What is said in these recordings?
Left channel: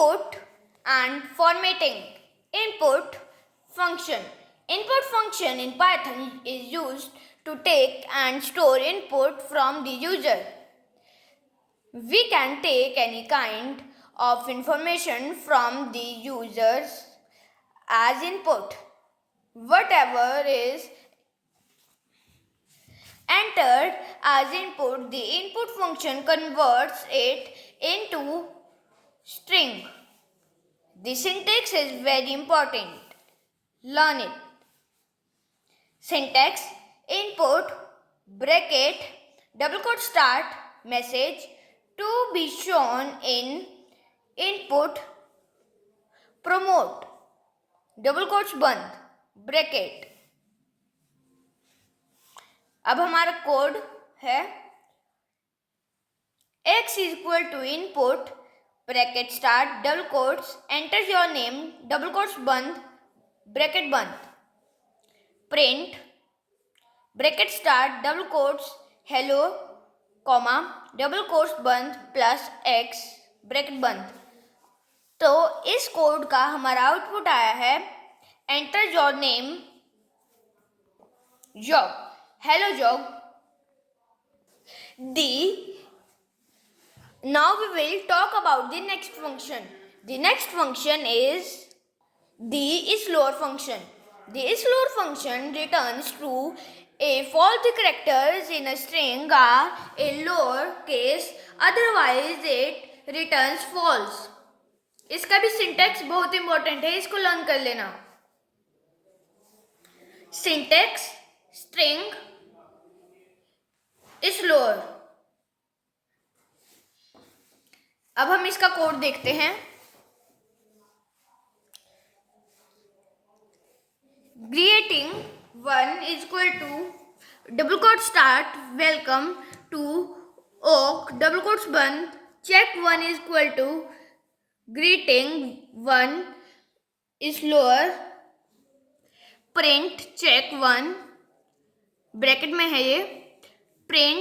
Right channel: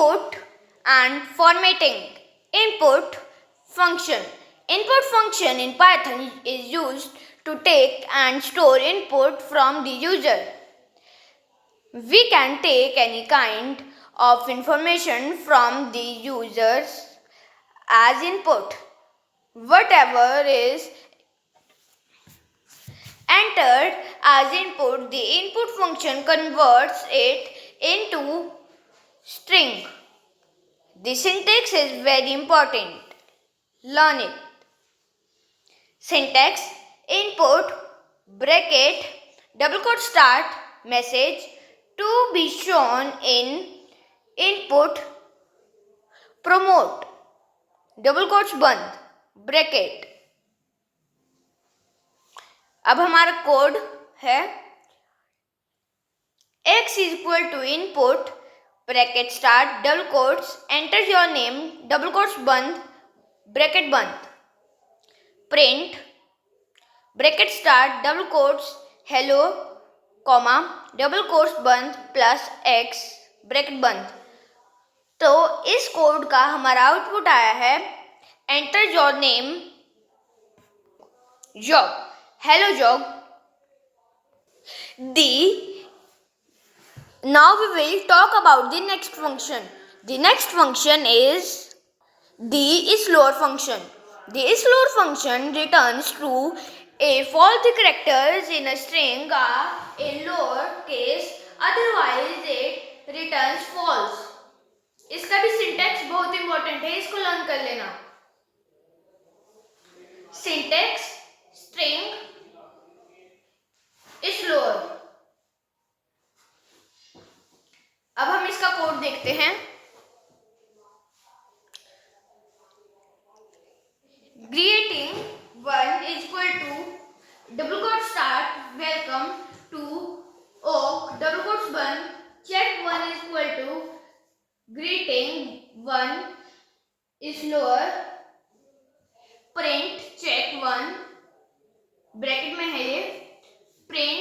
Input and formatting. Input function. Input function in Python is used to take and store input from the user. We can take any kind of information from the users as input. Whatever is entered as input, the input function converts it into string. The syntax is very important. Learn it. Syntax: input, bracket, double quote start, message to be shown in input, promote, double quotes बंद, bracket. अब हमारा code है x is equal to input, bracket start, double quotes, enter your name, double quotes बंद, bracket बंद, print, bracket start, double quotes, hello, comma, double quotes बंद, plus x, bracket बंद. तो इस कोड का हमारा आउटपुट आया है enter your name job, hello job. Now we will talk about the next function. The next function is the isLower function. The isLower function returns true if all the characters in a string are in lower case, otherwise it returns false. इसका भी syntax बहुत important है, इसको learn कर लेना. Syntax string isLower. अब हम इसका कोड देखते हैं. Greeting 1 is equal to double quote start, welcome to oak, double quotes बंद, check 1 is equal to greeting 1 isLower, print check 1, bracket में है ये, print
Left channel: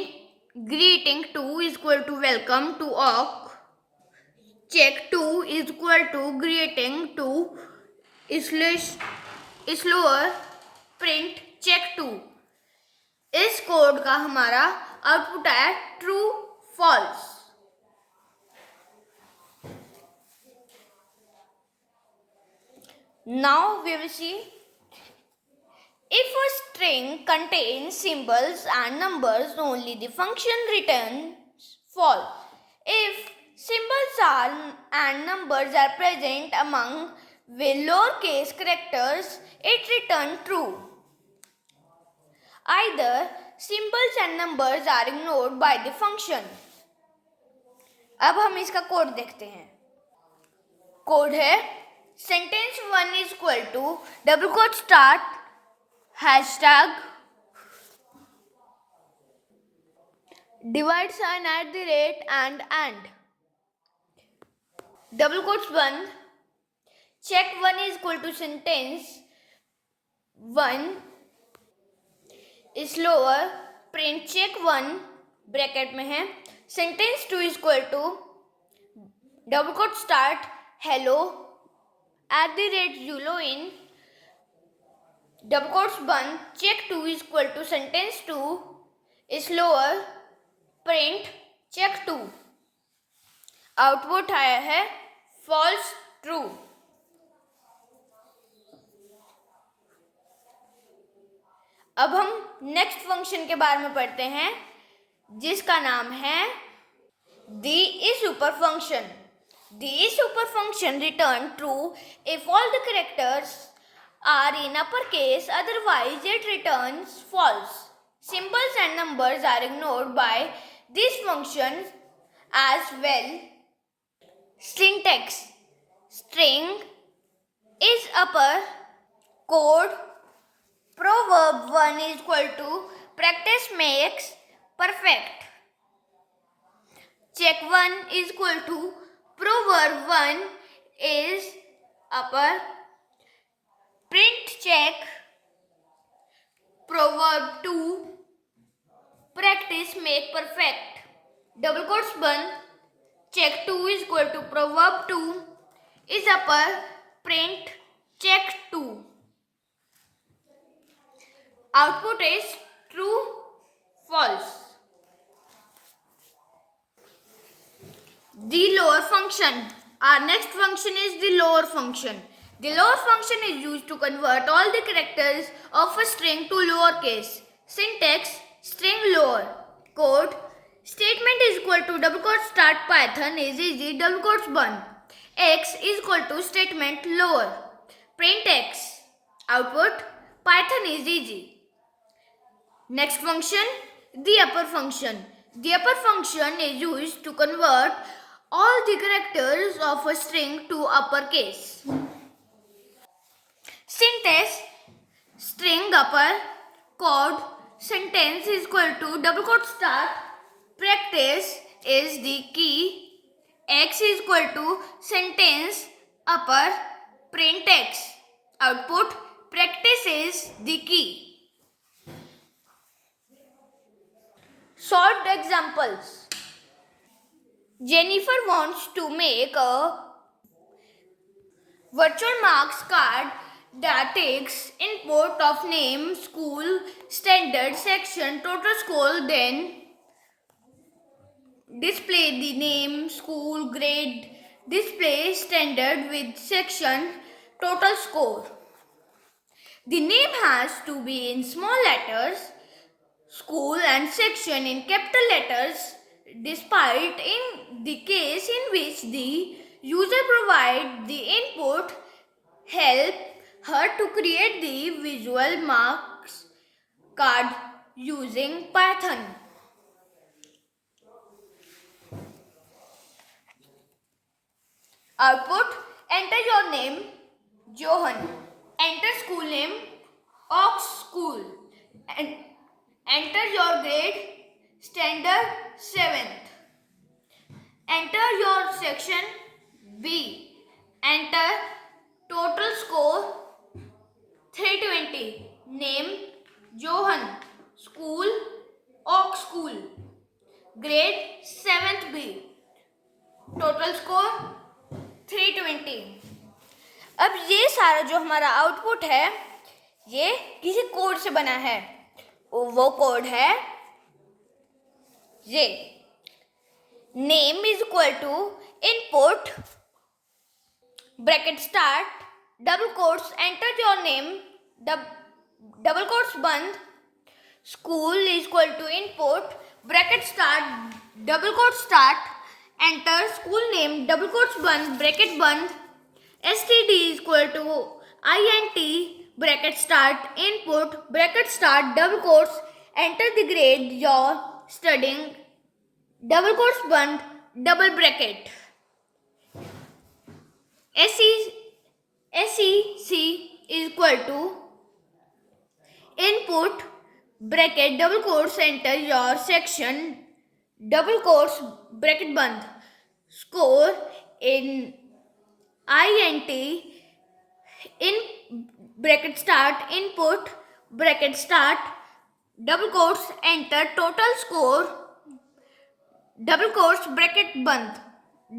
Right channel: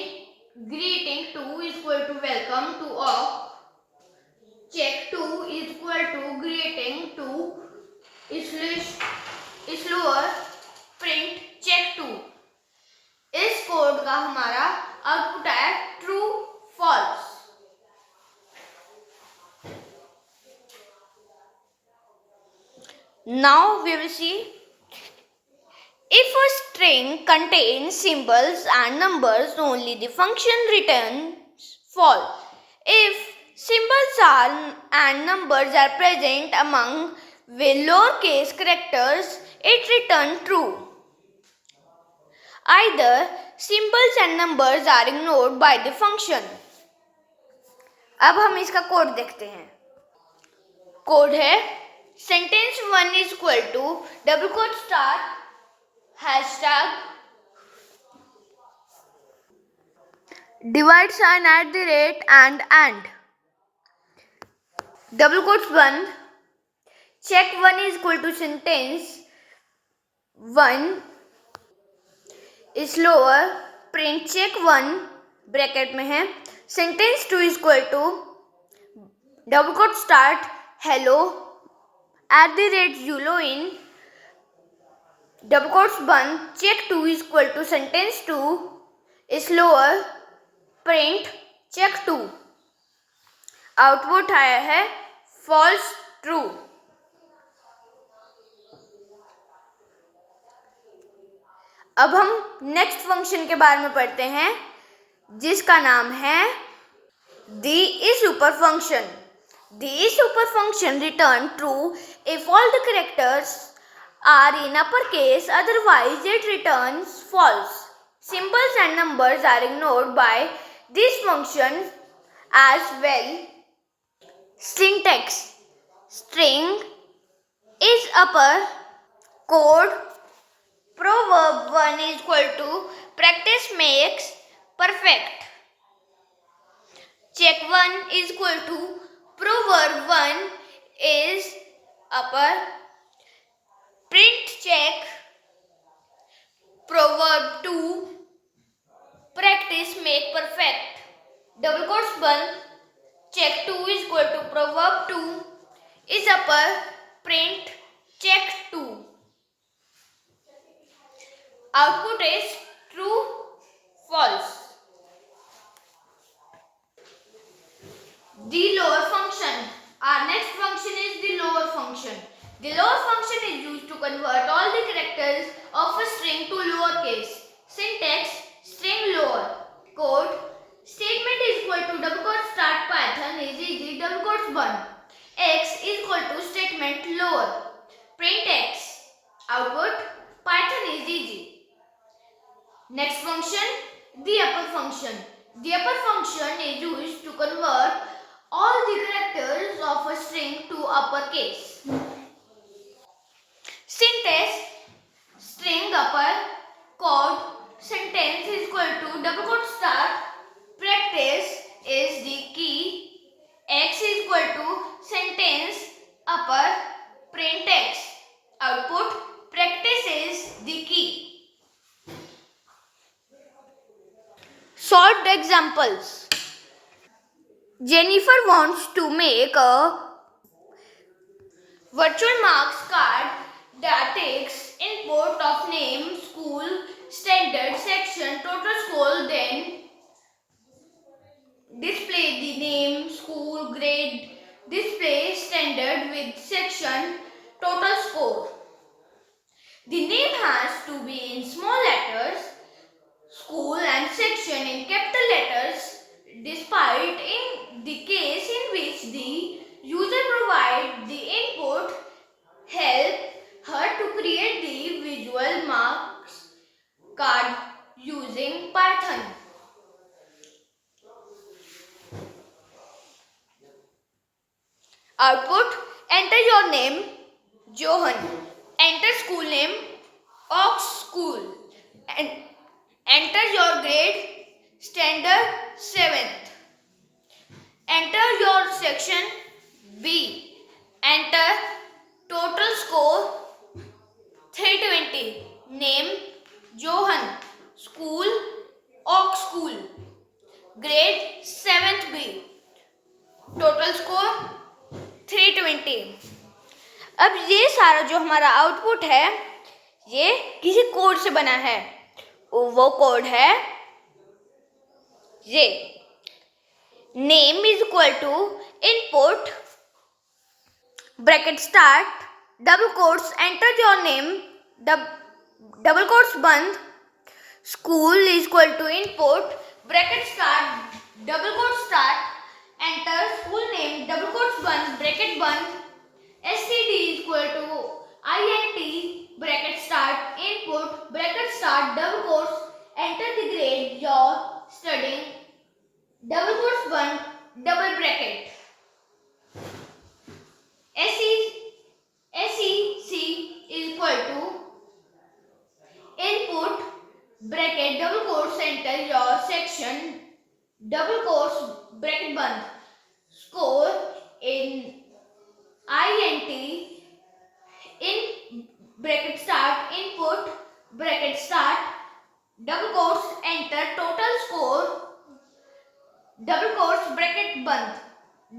greeting 2 is equal to welcome to oak, check 2 is equal to greeting 2 isLower, print check 2. इस code का हमारा output है true false. Now we will see, if a string contains symbols and numbers, only the function returns false. If symbols and numbers are present among with lowercase characters, it returns true. Either symbols and numbers are ignored by the function. अब हम इसका code देखते हैं. Code है sentence 1 is equal to double quote start, hashtag, divide sign at the rate and double quotes बंद, check 1 is equal to sentence 1 isLower, print check 1 bracket में है, sentence 2 is equal to double quote start, hello, at the rate zulo in, double quotes बंद, check 2 is equal to sentence 2 isLower, print check 2. Output आया है false true. अब हम next function के बारे में पढ़ते हैं जिसका नाम है the isSuper function. The isSuper function returns true if all the characters are in uppercase, otherwise it returns false. Symbols and numbers are ignored by this function as well. Syntax: string is upper code, proverb 1 is equal to practice makes perfect, check 1 is equal to proverb 1 is upper, print check proverb 2 practice make perfect, double quotes बंद, check 2 is equal to proverb 2 is upper, print check 2. Output is true, false. The lower function. Our next function is the lower function. The lower function is used to convert all the characters of a string to lowercase. Syntax: string lower. Code: statement is equal to double quote start Python is easy double quotes 1. X is equal to statement lower. Print X. Output: Python is easy. Next function, the upper function. The upper function is used to convert all the characters of a string to uppercase. Syntax: string upper. Code: sentence is equal to double quote start. Practice is the key. X is equal to sentence upper. Print X. Output: practice is the key. Solved examples. Jennifer wants to make a virtual marks card that takes input of name, school, standard, section, total score, then display the name, school, grade, display standard with section, total score. The name has to be in small letters, school and section in capital letters, despite in the case in which the user provide the input, help her to create the visual marks card using Python. Output: enter your name, Johan. Enter school name, Ox School. And enter your grade, standard 7th. Enter your section, B. Enter total score 320. Name, Johan. School, Ox School. Grade 7th B. Total score 320. अब ये सारा जो हमारा output है ये किसी code से बना है. वो कोड है ये. Name is equal to input bracket start double quotes enter your name double quotes बंद. School is equal to input bracket start double quotes start enter school name double quotes बंद bracket बंद. std is equal to int bracket start input bracket start double quotes enter the grade you're studying double quotes बंद double bracket. SEC is equal to input bracket double quotes enter your section double quotes bracket बंद. Score in int in bracket start input bracket start double quotes enter total score double quotes bracket बंद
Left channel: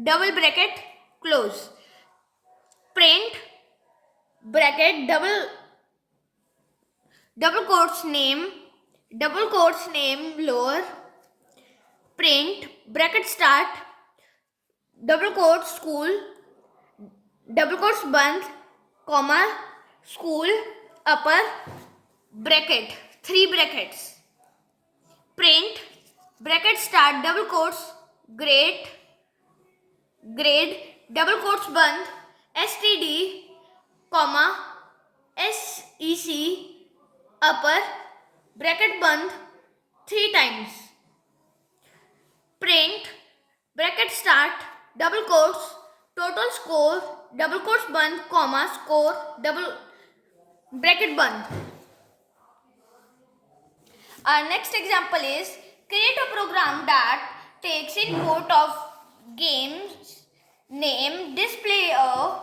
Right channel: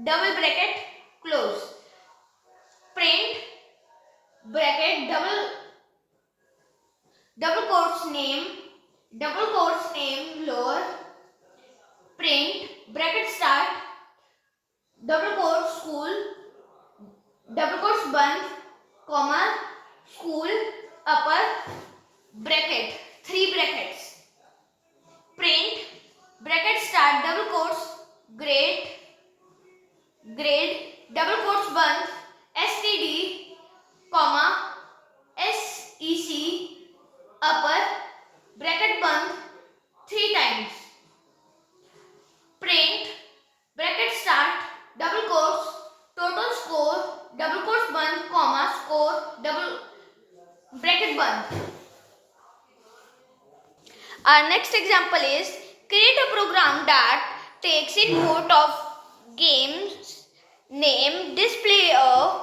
double bracket close. Print bracket double quotes name lower. Print bracket start double quotes school double quotes बंद comma school upper bracket 3 brackets. Print bracket start double quotes grade double quotes बंद std comma sec upper bracket बंद 3 times. Print bracket start double quotes total score double quotes बंद comma score double bracket बंद. Our next example is create a program that takes input of games name, display a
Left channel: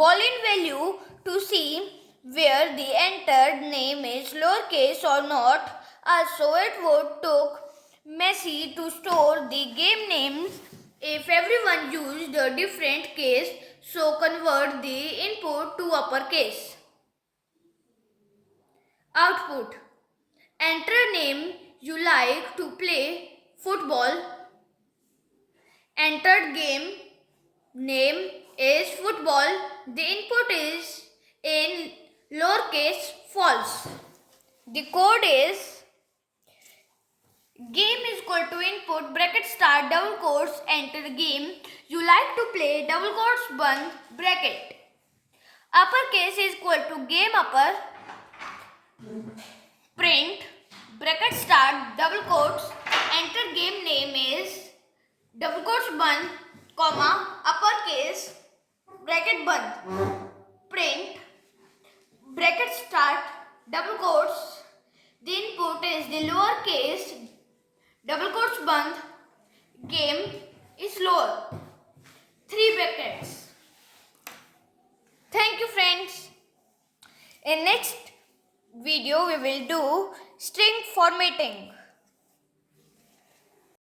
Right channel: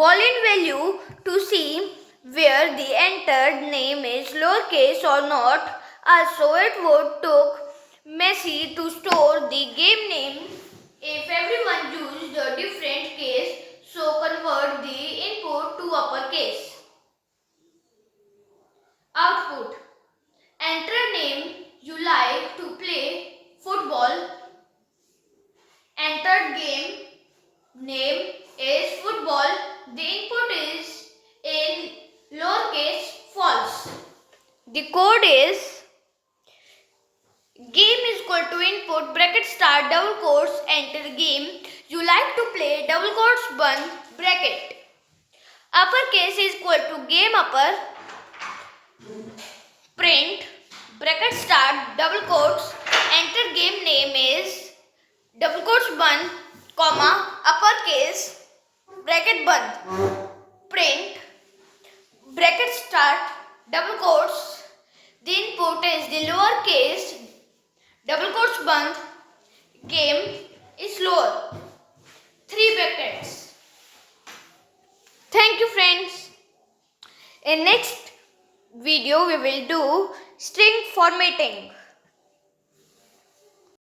boolean value to see where the entered name is lowercase or not. Also, it would took messy to store the game names if everyone used a different case So convert the input to uppercase. Output. Enter name you like to play football. Entered game name is football. The input is in lowercase false. The code is game is equal to input bracket start double quotes enter game you like to play double quotes बंद bracket. Uppercase is equal to game upper print bracket start double quotes enter game name is double quotes बंद comma uppercase bracket बंद print bracket start double quotes the input is the lowercase double quotes बंद game is lower 3 brackets. Thank you friends. In next video we will do string formatting.